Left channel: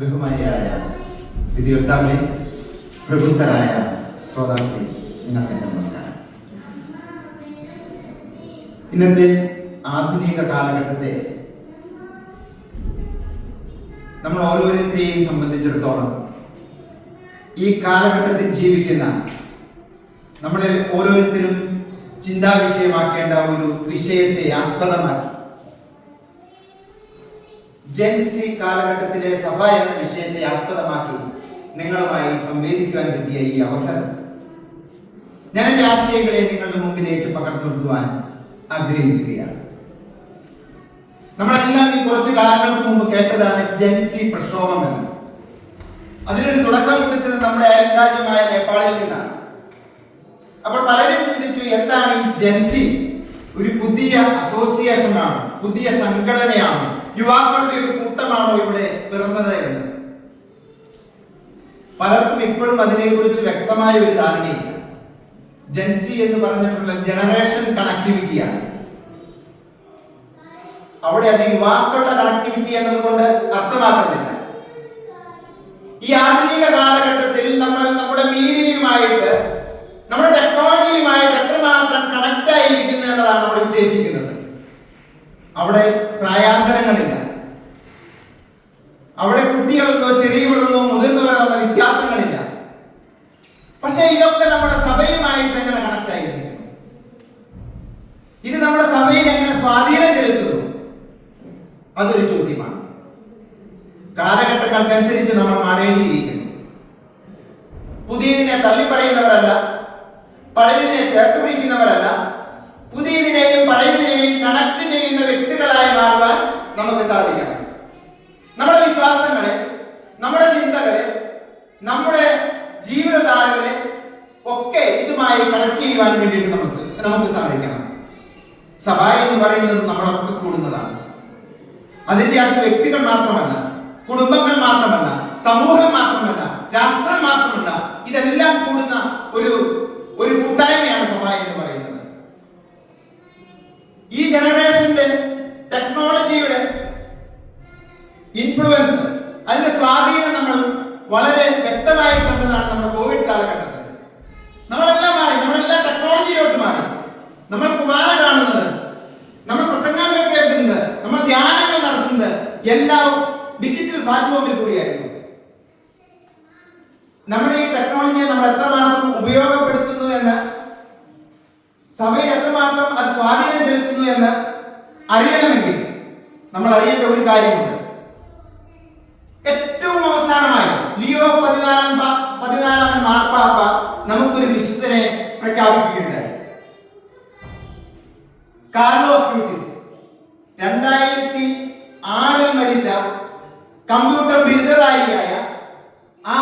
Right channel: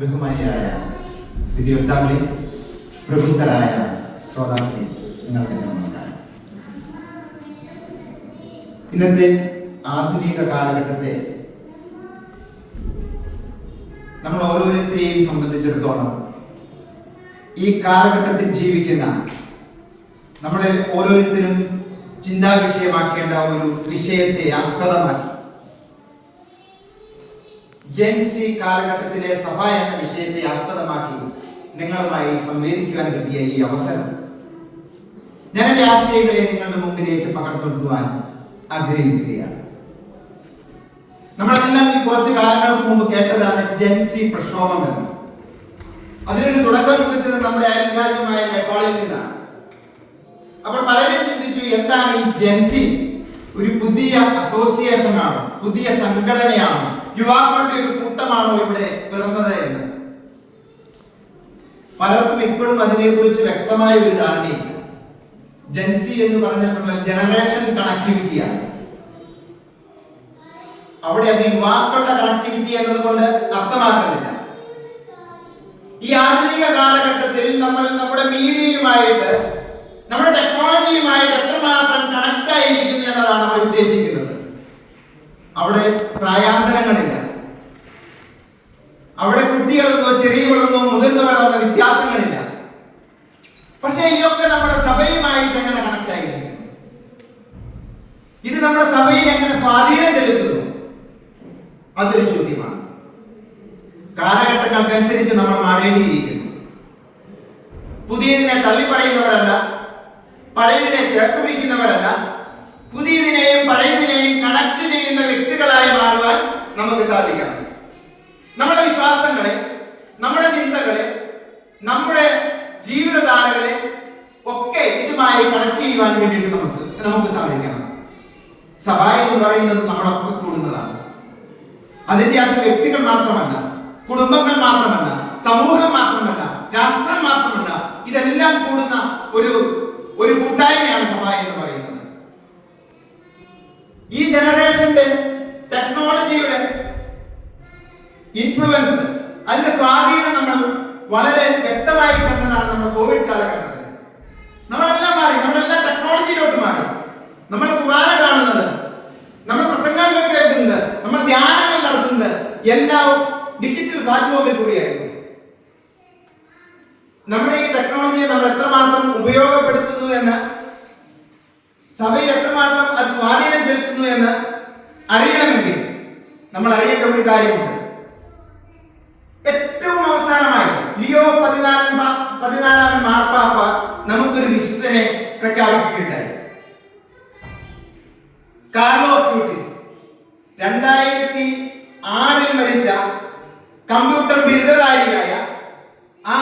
ബഹുമാനിയായ വിധിയോക്താക്കളെ, പ്രബുദ്ധരായ ശ്രോതാക്കളെ, നിങ്ങൾക്ക് നമസ്കാരം. ഇന്നത്തെ ആധുനിക കാലഘട്ടത്തെ നമ്മൾ ഓരോരുത്തരെയും സംബന്ധിച്ചിടത്തോളം ഈ കാലഘട്ടത്തിൽ ജീവിക്കുന്ന നമ്മളെ ഓരോരുത്തരും ചിന്താവിഷയമാക്കേണ്ട ഒരു വിഷയത്തെ ആസ്പദമാക്കി ജെൻസി കാലഘട്ടത്തിലെ സഭ എന്ന വിഷയത്തെ ആസ്പദമാക്കി നിങ്ങളുമായി സംവേദിക്കുവാൻ കിട്ടിയ ഈ അവസരം ഞാൻ എന്റെ ആശയങ്ങളെ നിങ്ങളുടെ മുമ്പിലേക്ക് പകർത്തുവാൻ ആഗ്രഹിക്കുകയാണ്. നമ്മളെല്ലാം ഈ കുറച്ച് കാലങ്ങൾക്ക് മുമ്പ് കേട്ടതാണ് ജെൻസി പ്രക്ഷോഭം എന്ന്. അതിനൊരു തുടക്കം കുറിച്ചത് നമ്മുടെ അയൽരാജ്യമായ നേപ്പാളിൽ നിന്നാണ്. അപ്പോൾ പലരും ചിന്തിച്ചു, എന്താണ് ഈ ജെൻസി? ഒരു പുതിയ അസോസിയേഷൻ ആണോ, പുതിയ സംഘടനയാണോ, യുവാക്കളുടെ ഒരു കൂട്ടമാണോ ഇവിടെ പിറന്നത് എന്ന്? പലർക്കും ഇപ്പോഴും അതിനെക്കുറിച്ച് വ്യക്തമായ ഒരു ധാരണയില്ല. ജെൻസി എന്ന് പറഞ്ഞിട്ടുള്ള ജനറേഷൻ കണക്ടിവിറ്റിയാണ്. അവിടെ അത് യുവാക്കളുടെ കണക്ടിവിറ്റി എന്നതുകൊണ്ട് അർത്ഥമാക്കുന്നില്ല. ഈ ആധുനിക കാലഘട്ടത്തിൽ നമ്മൾ നമ്മുടെ മീഡിയയുമായിട്ട്, നമ്മുടെ ടെക്നോളജിയുമായിട്ട് എത്രമാത്രം കണക്ട് ആയിരിക്കുന്നു എന്നതാണ് നമ്മൾ ഉദ്ദേശിക്കുന്നത്. അവിടെ പ്രായാന്തരങ്ങളില്ല. അവിടെ കുട്ടികളെന്നോ ചെറിയവരെന്നോ മുതിർന്നവരെന്നോ വ്യത്യാസങ്ങളില്ല. പക്ഷെ ഇതൊക്കെ നമ്മുടെ സഭയുമായിട്ട് എങ്ങനെ കണക്ട് ആയിരിക്കുന്നു? ഇത് നമ്മുടെ സഭയിൽ എങ്ങനെ സ്വാധീനം ചെലുത്തുന്നു? അതൊരു ചോദ്യമാണ്. കാലഘട്ടങ്ങൾക്കനുസരിച്ച് നമ്മൾ മാറേണ്ടിയിരിക്കുന്നു. പുതിയതിനെ തള്ളിപ്പറയുന്നവരല്ല, പഴയതിനെ ചേർത്ത് പിടിക്കുന്നവരല്ല, പുതിയതിനെയും പഴയതിനെയും കണക്ട് ചെയ്യുന്ന വ്യക്തികളായി മാറുവാൻ നമുക്ക് സാധിക്കണം. നമ്മുടെ വിശ്വാസങ്ങളെ, നമ്മുടെ ചിന്തകളെ, നമ്മുടെ ജീവിതധാരകളെ ഒക്കെ ഇതുമായി കണക്ട് ചെയ്യുവാൻ വേണ്ടിയിട്ട് നമുക്ക് സാധിക്കണം. സഭ എന്ന് പറയുന്നത് നമ്മളൊക്കെ കൂടുന്നതാണ്. അതിന്റെ അത് വ്യക്തികൾ മാത്രമല്ല, കുടുംബങ്ങൾ മാത്രമല്ല, സമൂഹം മാത്രമല്ല, രാഷ്ട്രം മാത്രമല്ല, ഇതെല്ലാം കൂടുന്ന ഒരു കൂട്ടായ്മയാണ് സഭ എന്ന് പറയുന്നത്. ഈ ജനറേഷന്റെ ടെക്നോളജിയുടെ ഇൻഫ്ലുവൻസ്, അതിന്റെ സ്വാധീനം നമ്മൾ വളരെ വ്യക്തമായി കണ്ടതാണ് നമ്മുടെ കോവിഡ് കാലഘട്ടത്തിൽ. നമ്മളെല്ലാം മാറി, നമ്മളെല്ലാം ടെക്നോളജിയിലോട്ട് മാറി. നമ്മൾ കുർബാന കാണുന്നത്, നമ്മൾ പ്രസംഗങ്ങൾ കേൾക്കുന്നത്, നമ്മൾ ധ്യാനങ്ങൾ നടത്തുന്നത് എല്ലാം ഡിജിറ്റൽ പ്ലാറ്റ്ഫോമിൽ കൂടിയായിരുന്നു. നമ്മുടെ ഈ ടെക്നോളജിയെ നമ്മൾ എത്രമാത്രം ഉപയോഗപ്പെടുത്തുന്നു എന്ന്, സഭയിൽ എത്രമാത്രം അത് സ്വാധീനം ചെലുത്തുന്നു എന്ന് അറിയണമെങ്കിൽ നമ്മൾ അറിയേണ്ട ഒരു കാര്യമുണ്ട്. ഏറ്റവും അവസാനമായി ലിയോ 14 മാർപ്പാപ്പ നമുക്കൊരു വിശുദ്ധനെ പ്രഖ്യാപിക്കുകയുണ്ടായി. കാർലോ അക്യൂട്ടിസ്, 2006 മരിച്ച കമ്പ്യൂട്ടർ ബിരുദധാരിയായ ആ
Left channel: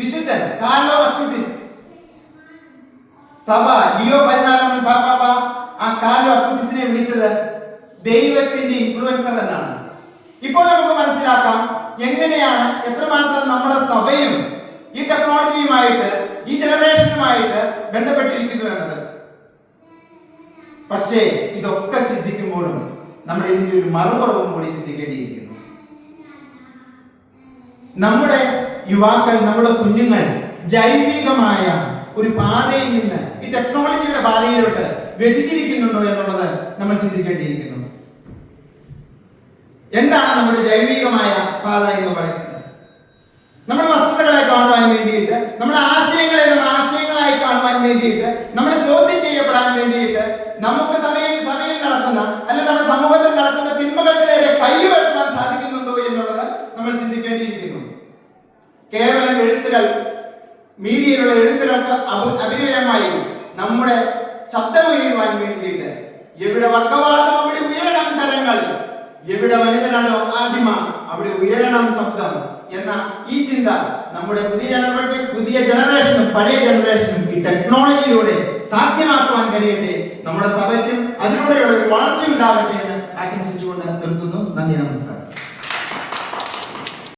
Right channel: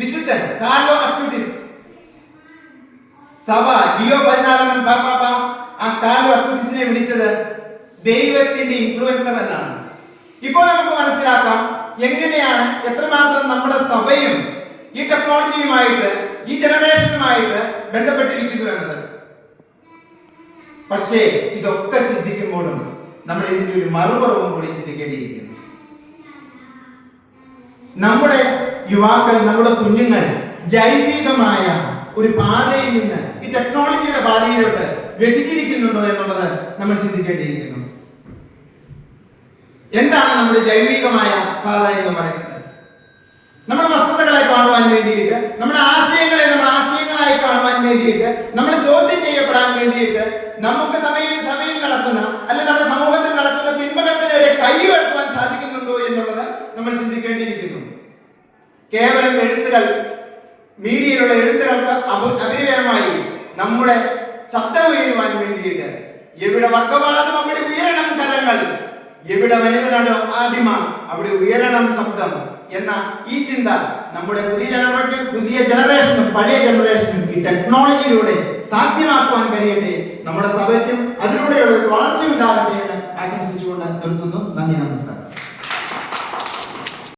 വിശുദ്ധൻ കാർലോ അക്യൂട്ടിസ്, സഭ ലിയോ 14 പാപ്പാപ്പ ആ കാർലോ അക്യൂട്ടിസിനെ വിളിച്ചത് ദൈവത്തിന്റെ ഇൻഫ്ലുവൻസർ എന്നാണ്. ഇപ്പോൾ നമുക്ക് മനസ്സിലാക്കാം എങ്ങനെയാണ്, എത്രമാത്രം നമ്മുടെ സഭയും ഈ ടെക്നോളജിയുമായിട്ട്, ഈ ജനറേഷനുമായിട്ട് ബന്ധപ്പെട്ടിരിക്കുന്നു എന്നത്. പക്ഷേ ഇതൊക്കെ ചിന്തിക്കുമ്പോഴും നമ്മൾ ഇതിന്റെ ഒരു മറുപുറവും കൂടി ചിന്തിക്കേണ്ടിയിരിക്കുന്നു. നമ്മുടെ യുവാക്കൾ, നമ്മുടെ കുഞ്ഞുങ്ങൾ ജൈവികമായ ഒരു പാതയിൽ നിന്ന് ഈ ടെക്നോളജിയുടെ പാതയിലോട്ട് വ്യതിചരിക്കുന്നുണ്ടോ എന്നുള്ളത് നമ്മൾ ചിന്തിക്കേണ്ടിയിരിക്കുന്നു. എന്താണ് നമ്മുടെ ജൈവികമായ പാത എന്ന് പറയുന്നത്? നമ്മുടെ വസ്തുതകളെ കാണുവാൻ വേണ്ടിയിട്ട്, നമ്മുടെ ആശയങ്ങളെ നമ്മൾ ആശയങ്ങളായി കാണുവാൻ വേണ്ടിയിട്ട്, നമ്മൾ ചോദ്യം ചെയ്യപ്പെടാൻ വേണ്ടിയിട്ട്, നമുക്ക് സഭയിൽ നടക്കുന്ന, അല്ലെങ്കിൽ നമ്മുടെ സമൂഹത്തിൽ നടക്കുന്ന തിന്മകൾക്ക് നേരെ കൈ ഉയർത്തുവാൻ സാധിക്കുന്നുണ്ടോ എന്നുള്ളത് നമ്മൾ ചിന്തിക്കേണ്ടിയിരിക്കുന്നു. കേവലം എഴുത്തുകൾ, മീഡിയയിലുള്ള എഴുത്തുകൾക്ക് അഭിനയമായി നമ്മുടെ ശബ്ദം ഉയരുവാൻ വേണ്ടിയിട്ട്, എവിടെ വർഗവാദം അവിടെ ഉയരണം കരങ്ങൾ, എവിടെ വനിതനാണോ ആദിമ അവിടെ ഉയരണം ശബ്ദം എന്ന ഈ ചിന്ത നമ്മുടെ പുതിയ ജനറേഷനും പഴയ ജനറേഷനും ഈ ടെക്നോളജിയിലൂടെ സാധ്യമാക്കുവാൻ കഴിയട്ടെ. നമ്മുടെ സഭയ്ക്കും അതിലൂടെയുള്ള ഒരു വളർച്ച ഉണ്ടാവട്ടെ എന്ന് ആശംസിച്ചുകൊണ്ട് നിർത്തുന്നു. നന്ദി, നമസ്കാരം.